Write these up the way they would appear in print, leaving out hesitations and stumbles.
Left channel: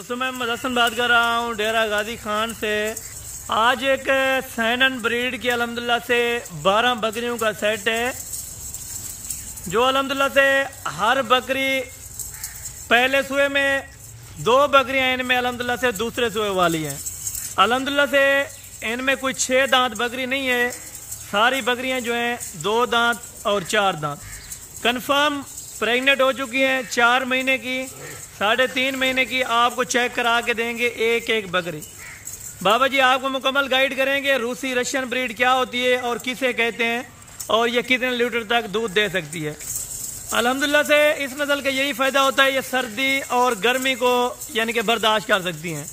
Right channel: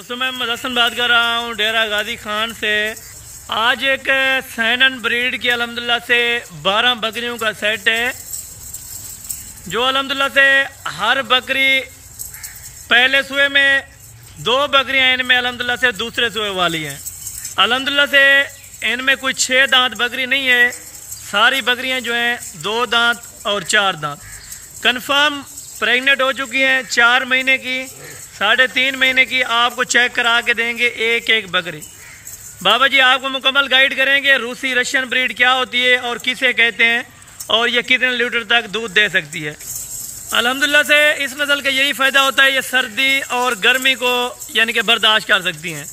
दोस्तों मैं मोहम्मद हसन बात कर रहा हूँ डेरा गाजी खान से। आज एक सैनन ब्रीड की अल्हम्दुलिल्लाह से 12 बकरियों का सेट है, जो अल्हम्दुलिल्लाह से हर बकरी पहले सुए में 2 बकरियां इनमें अल्हम्दुलिल्लाह से दूसरे सुए वाली हैं। अल्हम्दुलिल्लाह से इनमें कोई 6 दांत बकरी नहीं है, सारी बकरियां जो हैं 2 दांत और 4 दांत कंफर्म प्रेग्नेंट हो चुकी हैं। 4 महीने की 3.5 महीने की आपको चेक करा के देंगे एक एक बकरी। बाबा जी आपको मुकम्मल गाइड करेंगे रूसी रशियन ब्रीड क्या होती है और किसे कहते हैं और ये कितने लीटर तक दूध दे सकती है। अल्हम्दुलिल्लाह से इस नस्ल का यही फ़ायदा होता है, ये सर्दी और गर्मी को यानी कि बर्दाश्त कर सकती हैं।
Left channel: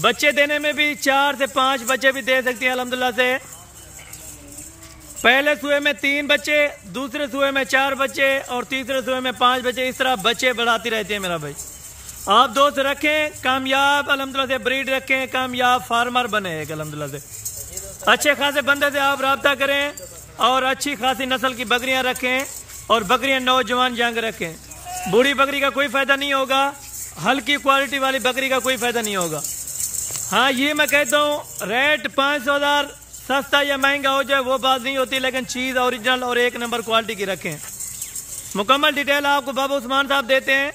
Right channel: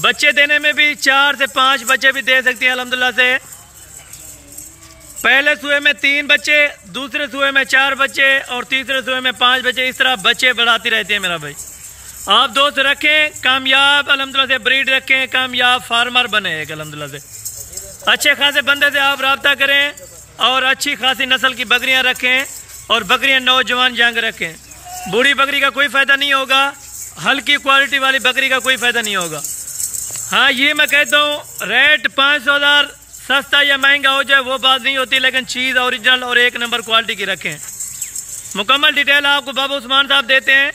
बच्चे देने में भी 4 से 5 बच्चे भी दे सकती हैं अल्हम्दुलिल्लाह से। पहले सुए में 3 बच्चे, दूसरे सुए में 4 बच्चे और तीसरे सुए में 5 बच्चे, इस तरह बच्चे बढ़ाती रहती है मेरा भाई। आप दोस्त रखें, कामयाब अल्हम्दुलिल्लाह से ब्रीड रखें, कामयाब फार्मर बने एक अल्हम्दुलिल्लाह से। अच्छे खासे बंदे से आप रब्ता करें और अच्छी खासी नस्ल की बकरियां रखें और बकरियां नौजवान जंग रखें। बूढ़ी बकरी का कोई फ़ायदा नहीं होगा, हल्की क्वालिटी वाली बकरी का कोई फ़ायदा नहीं होगा। हाँ ये मैं कहता हूँ रेट 500,000 सस्ता या महंगा हो जाए वो बात नहीं होती, लेकिन चीज़ ओरिजिनल और 1 नंबर क्वालिटी की रखें। मुकम्मल डिटेल आपको बाबा उस्मान साहब देते हैं।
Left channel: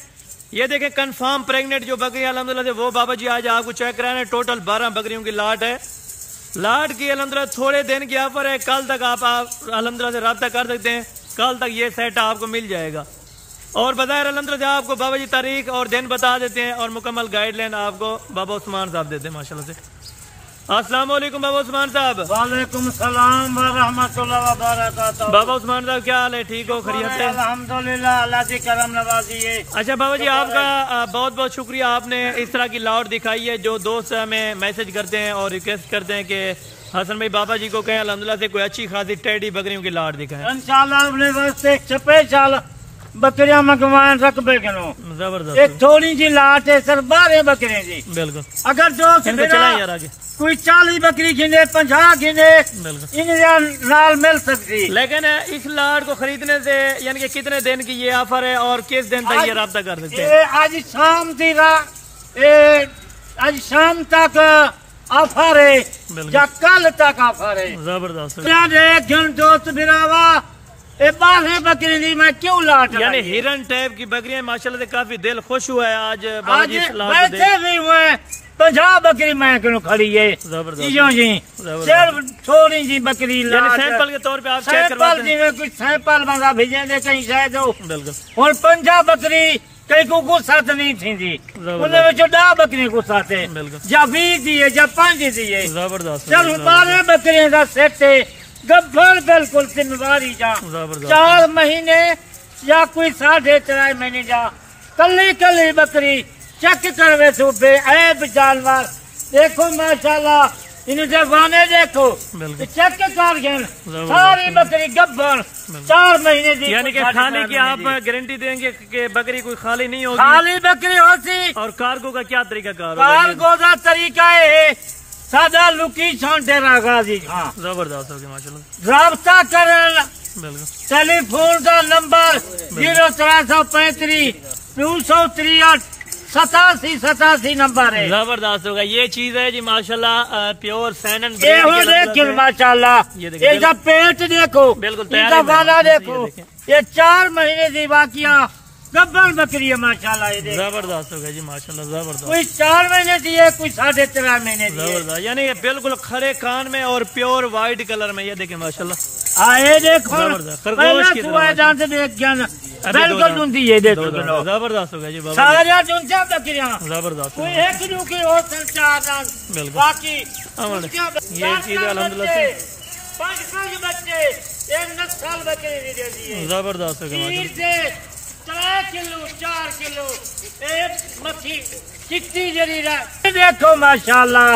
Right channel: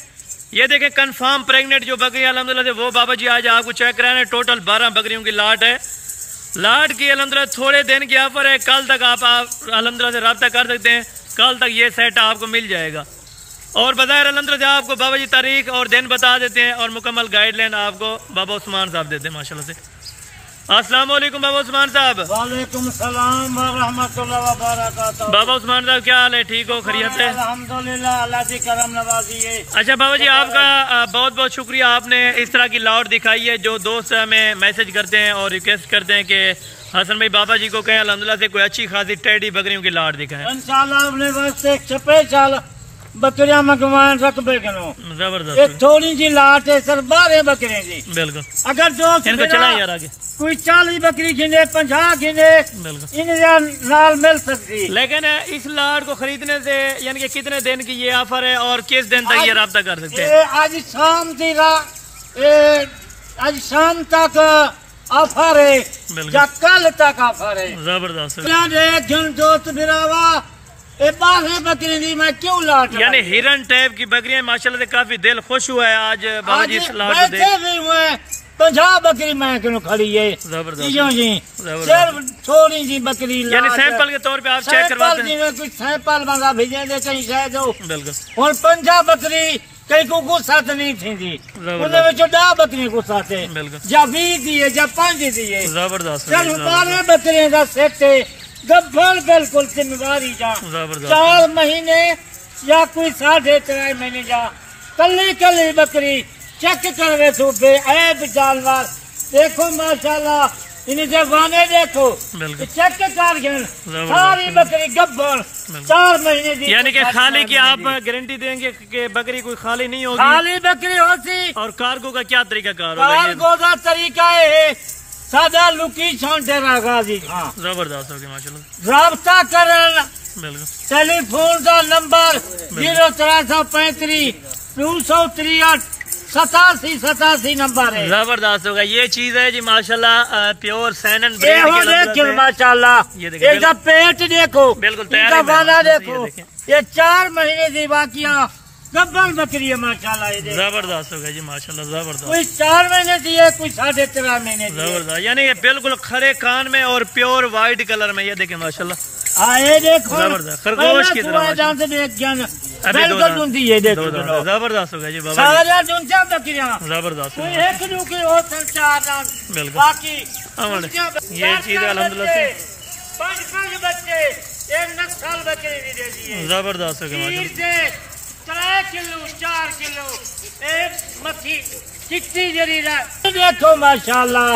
ये देखें कंफर्म प्रेग्नेंट जो बकरी अल्हम्दुलिल्लाह से वो बाबा जी आज आपको चेक कराने। टोटल 12 बकरियों की लाट है। लाट की अल्हम्दुलिल्लाह थोड़े दिन की ऑफर है, कल तक आप अल्हम्दुलिल्लाह से रब्ता कर सकते हैं, कल तक ये सेट आपको मिल जाएगा। और बज़ाहिर अल्हम्दुलिल्लाह से आपको बाबा जी तारीख और दिन बता देते हैं और मुकम्मल गाइडलाइन आपको बाबा उस्मान साहब देते हैं माशाल्लाह से। अस्सलाम वालेकुम बाबा उस्मान साहब। वालेकुम सलाम व रहमतुल्लाह व बरकातहू। बाबा उस्मान साहब क्या हाल है, ठीक हो, खैरियत है? अल्हम्दुलिल्लाह, अल्लाह की करम नवाजी है। अच्छा बाबा जी आपका बहुत बहुत शुक्रिया, आपने इस तरह की लाट दिखाई है। जो दोस्त हमें मैसेज करते हैं और रिक्वेस्ट करते हैं कि हसन भाई बाबा जी को कहें अल्हम्दुलिल्लाह से कोई अच्छी खासी टेडी बकरियों की लाट दिखाएं। इंशाल्लाह अपने वास्ते छपे चाल बकरियां मंगवाएं रकबे किलो जबरदस्त। एक थोड़ी सी लाट है सर, 12 बकरे जी। बिल्कुल अगर जो इनको चलाएं यार आगे, कोई 40 बकरी गिने 50 गिने इन्हें नाल मिल सकती। लेकिन इस लाट को खरीदने से यानी कि कितने दिन की ये ऑफर है और किस दिन तक ये रब्ता कर सकते हैं? आज शाम तक ऑफर है या कल तक ऑफर है। जबरदस्त। दोस्त बिरावा 12 बकरी दी मैं क्यों लाट यानी हिरन टाइप की बकरियां माशाल्लाह से काफी दिल खुश हुआ है आज बाबा जी इस लाट को देख। 50 बकरी मैं क्यों खड़ी है। जबरदस्त। थोड़ी सी बकरी यानी सैंपल के तौर पे आप चेक करवाते हैं। कुछ सैंपल बंदा भेजे दे कहीं शायद हो। बिल्कुल। और 50 बकरी कई को गुस्सा नहीं थी जी, उन्हें 10 बकरी गुस्सा थे या 20 दिए या 5 दिए। जबरदस्त। चल 12 बकरियों का सेट है, गब्बर बिल्कुल जिम्मेवारी जा। 4 महीने या कोई 4.5 महीने जा कली कली बकरी चेक करवे तो बेऐब जानवर देखो माशाल्लाह इन्हें जवाने देखो चेक कर सारी बकरी गब्बर 4 महीने दी। यानी कि खाली की आप गारंटी देंगे कि बकरी कोई खाली नहीं होगी? खाली बकरी होती। और कार्गो का क्या तरीका कार? कार्गो का तरीका है सादा लोकेशन डेरा गाजी। हाँ जबरदस्त हो गया माशाल्लाह। राब्ता करना बिल्कुल। टेलीफोन का नंबर 0335 263 87 नंबर है। जबरदस्त होगा। ये चीज है जी माशाल्लाह प्योर सैनन ब्रीड की माशाल्लाह। ये पेट देखो, बिल्कुल इनका वाला देखो, ये 4 महीने की वाकिया गब्बर बकरी है माशाल्लाह। जबरदस्त होगा जी माशाल्लाह। जबरदस्त। कोई 4 महीने की है, कोई 3.5 महीने की। जबरदस्त। यानी ये बिल्कुल खड़े कान में और प्योर व्हाइट कलर में, ये देखे माशाल्लाह। आए देखो खरगोश की तरह बिल्कुल दूंधी है देखो। जबरदस्त होगा जी बाबा। सारा दूंचा बकरियां जबरदस्त। एक रुकी और 4 बिल्कुल। बाकी ये चीज अल्हम्दुलिल्लाह से 5 बच्चे एक नस्ल बकरी भी दे दिए। जबरदस्त होगा माशाल्लाह। 4 किलो एक मक्खी चिट्टी जरीरा देखो माशाल्लाह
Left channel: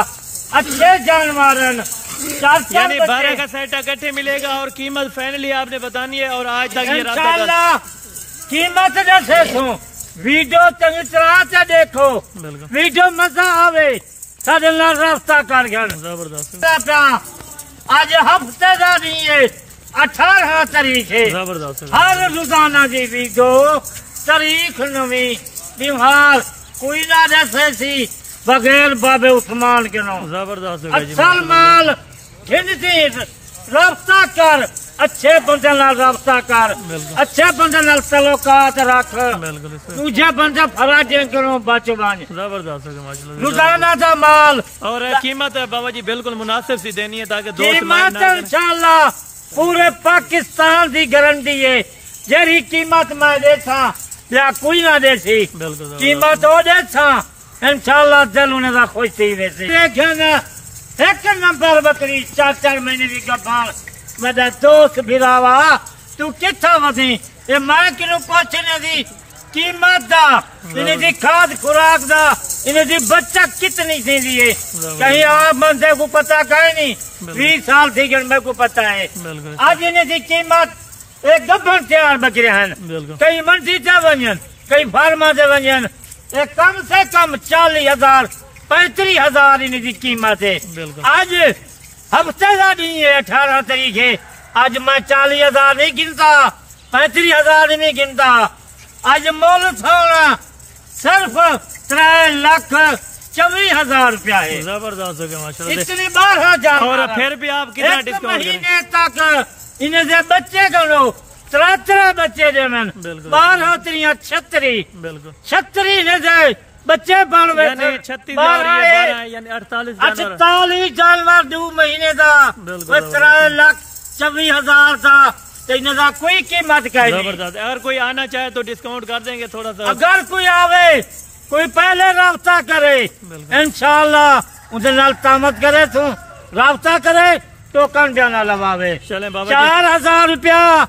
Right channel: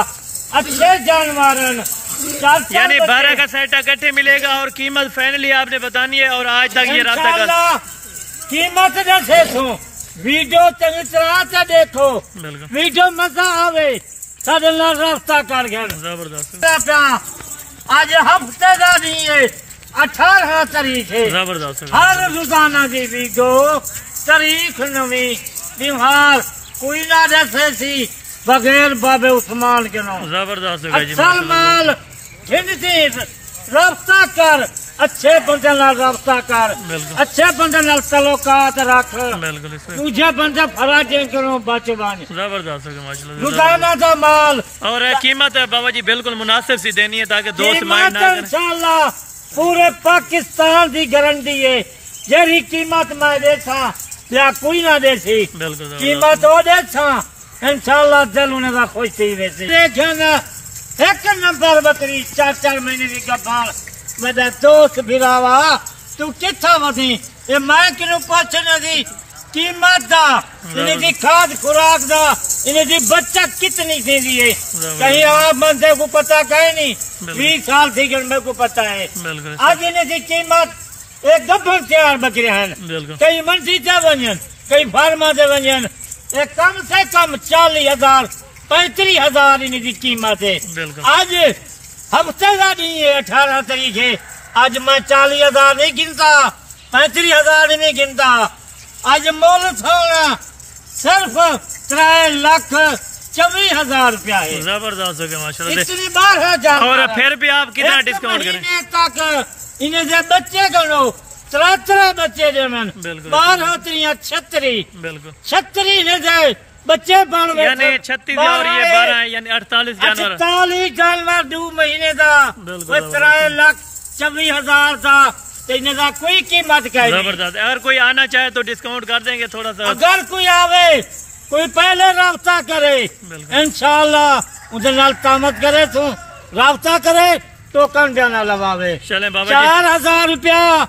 अच्छे जानवर। यानी 12 का सेट इकट्ठे मिलेगा और कीमत फाइनली आपने बतानी है और आज तक ये रब्ता कर कीमत जैसे वीडियो तंग देखो, वीडियो मजा आवे सारे रास्ता कर। जबरदस्त। आज हफ्ते का नहीं है 18 तारीख है। जबरदस्त। हर रोजाना की वीडियो तारीख नवी बिहार कोई ना जैसे सी बगैर बाबे उस्मान के नाम। जबरदस्त हो गया जी अच्छा माशाल्लाह। माल गिनती रब्ता कर, अच्छे बंदे नाल रब्ता कर, बिल्कुल अच्छे बंदे नाल तल्लुकात रख, बिल्कुल इसमें तुझे बंदे फराजे करो बच बन। जबरदस्त हो गया माशाल्लाह। रोजाना का माल और कीमत है बाबा जी बिल्कुल मुनासिब सी देनी है ताकि दोस्त माइंड ना करें। इंशाल्लाह पूरे पाकिस्तान की गारंटी है, जेरी कीमत मैं देसा या कोई ना देसी, बिल्कुल कीमत वो देसा इंशाल्लाह दिल उन्हें दा खुश थी वैसे। देखना एक नंबर बकरी 4-4 महीने की गब्बार मेरा दोस्त भिरावा तू किथा वसी ये मैं किनू पूछने दी कीमत दा, इन्हें दी खाद खुराक दा, इन्हें दी बच्चा कितनी थी है कहीं आप बंदे को पता कहे नहीं। 20 साल थी कि मेरे को पता है। आज इन्हें दी कीमत एक गब्बर 4 बकरे हैं, कई मंडी से वजन कई फार्मा से वजन, एक कम से कम 40,000 35,000 इन्हें दी कीमत है। आज हफ्ते का दिन है 18 तारीख है, आज मैं 40,000 नहीं गिनता, 35,000 नहीं गिनता। आज मोल सोना सिर्फ 3,24,000 रुपया है। जबरदस्त हो गया माशाल्लाह। इतनी बार हो जाता और फिर भी आप कितना डिस्काउंट करें तक इन्हें से बच्चे करो 3 बच्चे दे मन 12 36 बिल्कुल 36 ने दे बच्चे बन यानी 36 और ये 12 यानी 48 जानवर 48 जानवर 2 महीने का 3,24,000 था। इन्हें कोई कीमत का जबरदस्त। अगर कोई आना चाहे तो डिस्काउंट कर देंगे थोड़ा सा। अगर कोई आवे कोई पहले राब्ता करे इंशाल्लाह उनसे नाल तामत करे तू राब्ता करे टोकन देना लवावे। चले बाबा जी 4,000 रुपया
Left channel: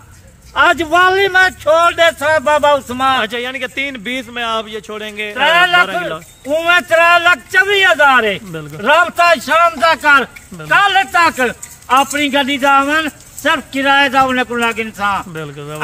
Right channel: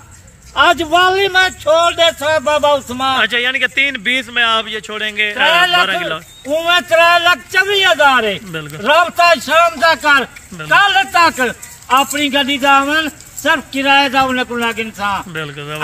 आज वाली मैं छोड़ दे था बाबा उस्मान। अच्छा यानी कि 3,20 में आप ये छोड़ेंगे 12 किलो 3,24,000 है। राब्ता शाम तक कर कल तक अपनी गड्डी दामन सिर्फ किराए का उन्हें को लागिन था।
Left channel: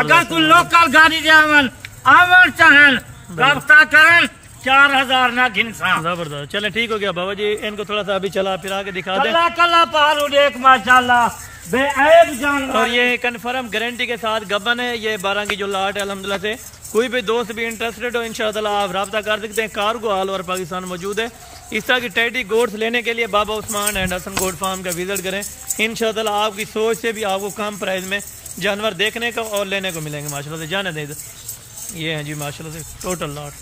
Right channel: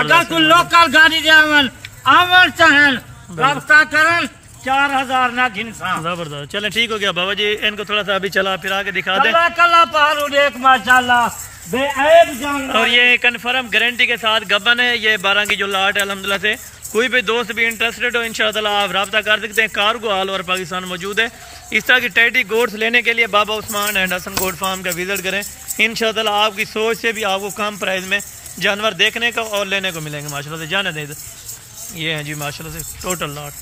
अगर कोई लोकल गाड़ी जावन आवन चाहन राब्ता करें 4,000 ना गिनसा। जबरदस्त। चले ठीक हो गया बाबा जी, इनको थोड़ा सा अभी चला फिरा के दिखा दे। कला पहाड़ देख माशाल्लाह बेऐब जानवर। और ये कन्फर्म गारंटी के साथ गबन है, ये 12 की जो लाट है अल्हम्दुलिल्लाह से। कोई भी दोस्त भी इंटरेस्टेड हो इंशाअल्लाह आप रब्ता कर सकते हैं। कार्गो ऑल ओवर पाकिस्तान मौजूद है। इस तरह की टैडी गोड्स लेने के लिए बाबा उस्मान एंड हसन गोड फार्म का विजिट करें। इंशाअल्लाह आपकी सोच से भी आपको कम प्राइस में जानवर देखने का और लेने को मिलेंगे माशाल्लाह से। जाने दें ये हैं जी माशाल्लाह से टोटल लाट।